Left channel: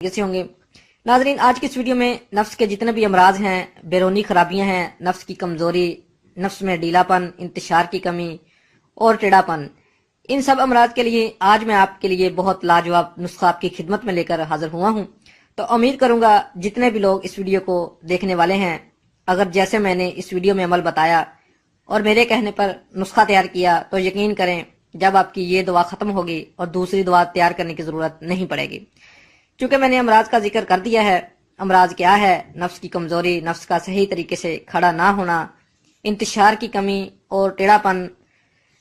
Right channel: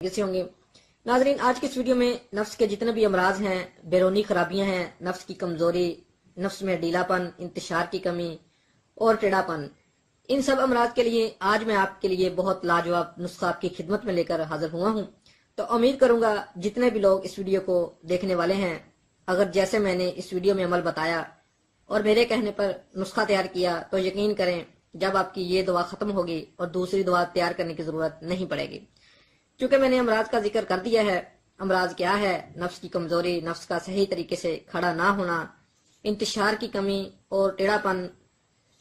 से होंगे। नाजरीन, आज की इस वीडियो में नफ्स के जितने भी अमराज हैं, बैरूनी खराबियां हैं, नफ्स की कमजोरी, नफ्स में ढीलापन, इंतशार की कमी और टेढ़ापन, इन सब अमराज के लिए आज मैं आपके लिए बहुत लाजवाब नुस्खा आपकी खिदमत में लेकर हाजिर हुआ हूँ। तो उम्मीद करूंगा जितने भी लोग इस वीडियो को देखने वाले हैं, अगर जैसे मैंने इस वीडियो में अमल बताया और मेरे कहने पर नुस्खा तैयार किया तो यकीन करें जब आपकी ये दवा खत्म होगी और दूसरी दवा तैयार करने की जरूरत नहीं पड़ेगी। क्योंकि मैंने अमराज का जिक्र कर दिया है। अमराज क्या है? नफ्स की कमजोरी, नफ्स का सही तरीके से खड़ा ना होना, इंतशार की कमी और टेढ़ापन।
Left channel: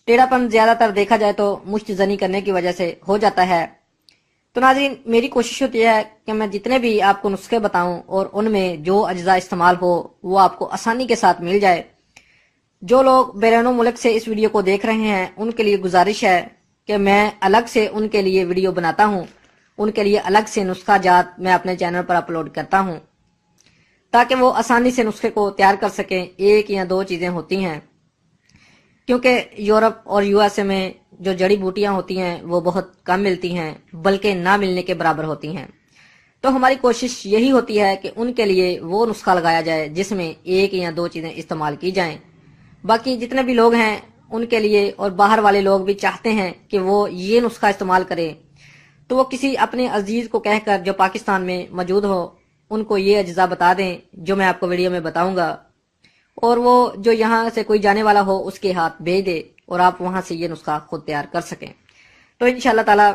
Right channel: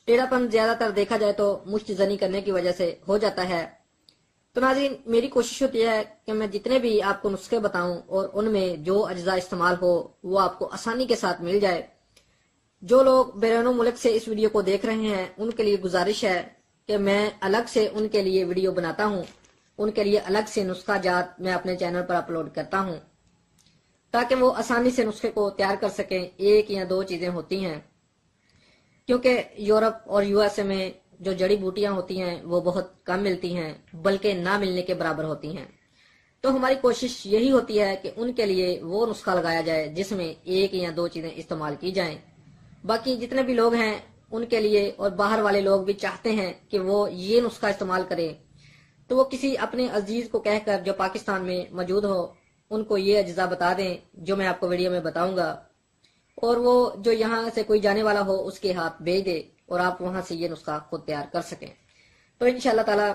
टेढ़ापन ज्यादातर देखा जाए तो मुश्त जनी करने की वजह से हो जाता है। तो नाज़रीन, मेरी कोशिश होती है कि मैं जितने भी आपको नुस्खे बताऊं और उनमें जो अज्जा इस्तेमाल हो वो आपको आसानी के साथ मिल जाए। जो लोग बैरून मुल्क से इस वीडियो को देख रहे हैं उनके लिए गुजारिश है कि मैं अलग से उनके लिए वीडियो बनाता हूं, उनके लिए अलग से नुस्खा जात मैं अपने चैनल पर अपलोड करता हूं ताकि वो आसानी से नुस्खे को तैयार कर सकें। एक या दो चीजें होती हैं, क्योंकि यूरोप और यूएसए में जो जड़ी बूटियां होती हैं वो बहुत कम मिलती हैं, बल्कि ना मिलने के बराबर होती हैं। तो हमारी कोशिश यही होती है कि उनके लिए वो नुस्खा लगाया जाए जिसमें एक या दो चीजें इस्तेमाल की जाएं। बाकी जितने भी लोग हैं उनके लिए, और बाहर वाले लोग भी चाहते हैं कि वो ये नुस्खा इस्तेमाल करें, तो वो किसी अपने अजीज को कहकर जो पाकिस्तान में मौजूद हो उनको ये अज्जा बता दें जो मैं आपको वीडियो में बताऊंगा, और वो जो यहाँ से कोई जाने वाला हो उसके हाथ भेज दे और आप वहां से ये नुस्खा खुद तैयार कर सकें। तो इंशाअल्लाह ताला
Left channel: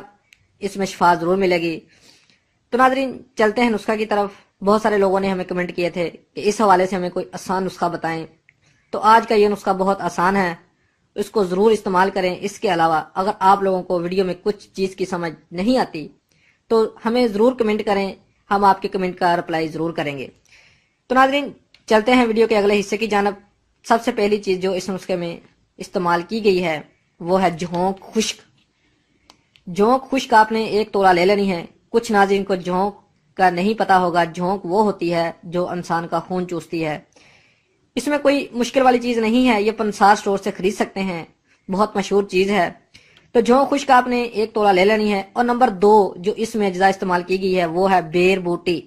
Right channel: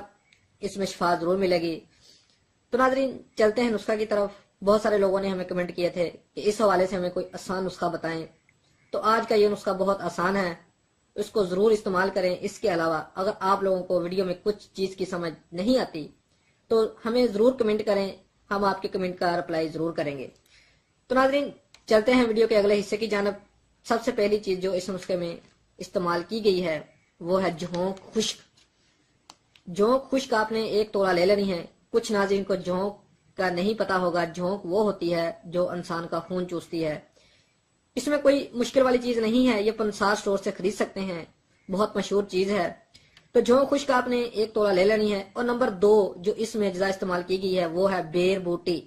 इसमें शिफा जरूर मिलेगी। तो नाज़रीन, चलते हैं नुस्खा की तरफ। बहुत सारे लोगों ने हमें कमेंट किए थे कि इस हवाले से हमें कोई आसान नुस्खा बताएं। तो आज का ये नुस्खा बहुत आसान है, इसको जरूर इस्तेमाल करें। इसके अलावा अगर आप लोगों को वीडियो में कुछ चीज की समझ नहीं आती तो हमें जरूर कमेंट करें, हम आपके कमेंट का रिप्लाई जरूर करेंगे। तो नाज़रीन, चलते हैं वीडियो के अगले हिस्से की जानब। सबसे पहली चीज जो इस नुस्खे में इस्तेमाल की गई है वो है झोंक खुश्क। झोंक खुश्क आपने 1 तोला ले लेनी है। कुछ नाज़रीन को झोंक का नहीं पता होगा। झोंक वो होती है जो इंसान का खून चूसती है। इसमें कोई मुश्किल वाली चीज नहीं है, ये पंसार स्टोर से खरीद सकते हैं, बहुत मशहूर चीज है। तो झोंक खुश्क आपने 1 तोला ले लेनी है। और नंबर 2 जो इसमें अज्जा इस्तेमाल की गई है वो है बेर बूटी।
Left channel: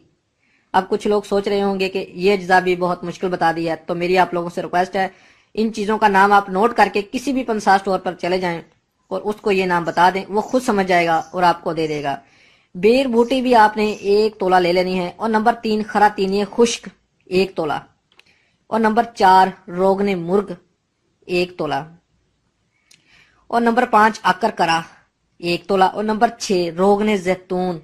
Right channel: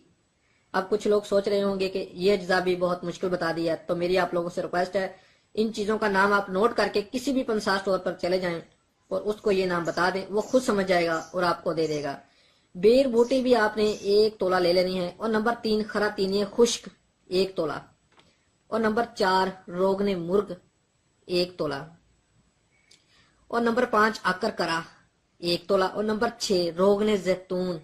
अब कुछ लोग सोच रहे होंगे कि ये अज्जा भी बहुत मुश्किल बता दिया, तो मेरी आप लोगों से रिक्वेस्ट है इन चीजों का नाम आप नोट करके किसी भी पंसार स्टोर पर चले जाएं और उसको ये नाम बता दें, वो खुद समझ जाएगा और आपको दे देगा। बेर बूटी भी आपने 1 तोला ले लेनी है। और नंबर 3 खरातीनी खुश्क 1 तोला। और नंबर 4 रोगने मुर्ग 1 तोला। और नंबर 5 आकर करा 1 तोला। और नंबर 6 रोगने जैतून।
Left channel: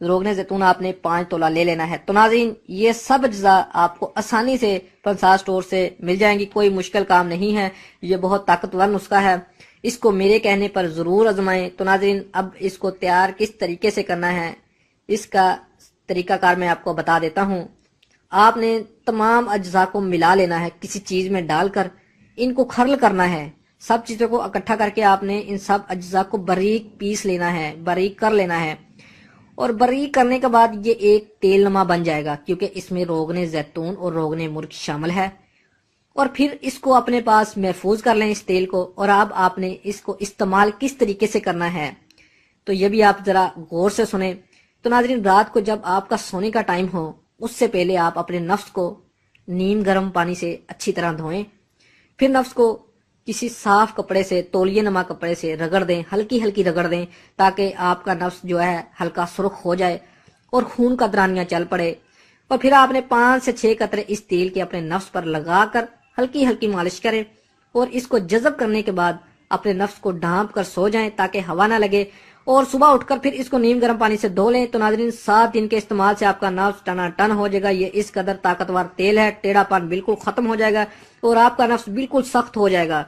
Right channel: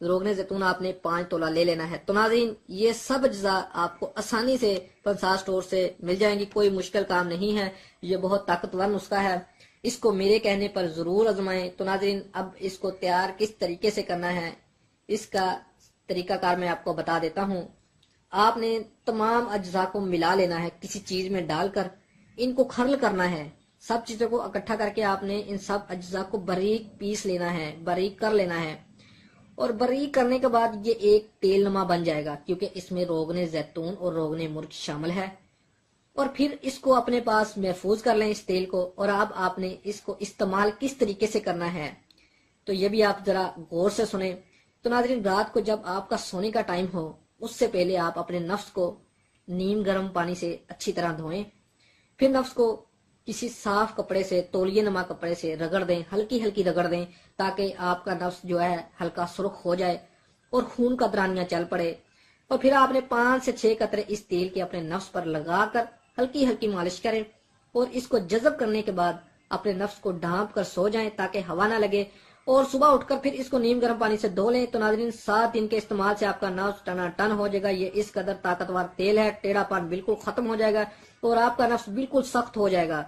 रोगने जैतून आपने 5 तोला ले लेना है। तो नाज़रीन, ये सब अज्जा आपको आसानी से पंसार स्टोर से मिल जाएंगी, कोई मुश्किल काम नहीं है। ये बहुत ताकतवर नुस्खा है, इसको मेरे कहने पर जरूर आजमाएं। तो नाज़रीन, अब इसको तैयार किस तरीके से करना है इसका तरीकाकार मैं आपको बता देता हूँ। आपने तमाम अज्जा को मिला लेना है, किसी चीज में डालकर इनको खरल करना है। सब चीजों को इकट्ठा करके आपने इन सब अज्जा को बारीक पीस लेना है, बारीक कर लेना है। और बारीक करने के बाद ये एक तेल नमा बन जाएगा, क्योंकि इसमें रोगने जैतून और रोगने मुर्ग शामिल है। और फिर इसको अपने पास महफूज कर लें इस तेल को। और अब आपने इसको इस्तेमाल किस तरीके से करना है तो ये भी आप जरा गौर से सुने। तो नाज़रीन, रात को जब आपका सोने का टाइम हो उससे पहले आप अपने नफ्स को नीम गर्म पानी से अच्छी तरह धोएं। फिर नफ्स को किसी साफ कपड़े से, तौलिए नमा कपड़े से रगड़ दें, हल्की हल्की रगड़ दें, ताकि आपका नफ्स जो है हल्का सुर्ख हो जाए और खून का दरानियां चल पड़े। और फिर आपने 5 से 6 कतरे इस तेल के अपने नफ्स पर लगाकर हल्की हल्की मालिश करें। और इसको जज़ब करने के बाद अपने नफ्स को ढांप कर सो जाएं ताकि हवा ना लगे। और सुबह उठकर फिर इसको नीम गर्म पानी से धो लें। तो नाज़रीन, 7 दिन के इस्तेमाल से आपका नफ्स टनाटन हो जाएगा। ये इस कदर ताकतवर तेल है, टेढ़ापन बिल्कुल खत्म हो जाएगा और आपका नफ्स बिल्कुल सख्त हो जाएगा।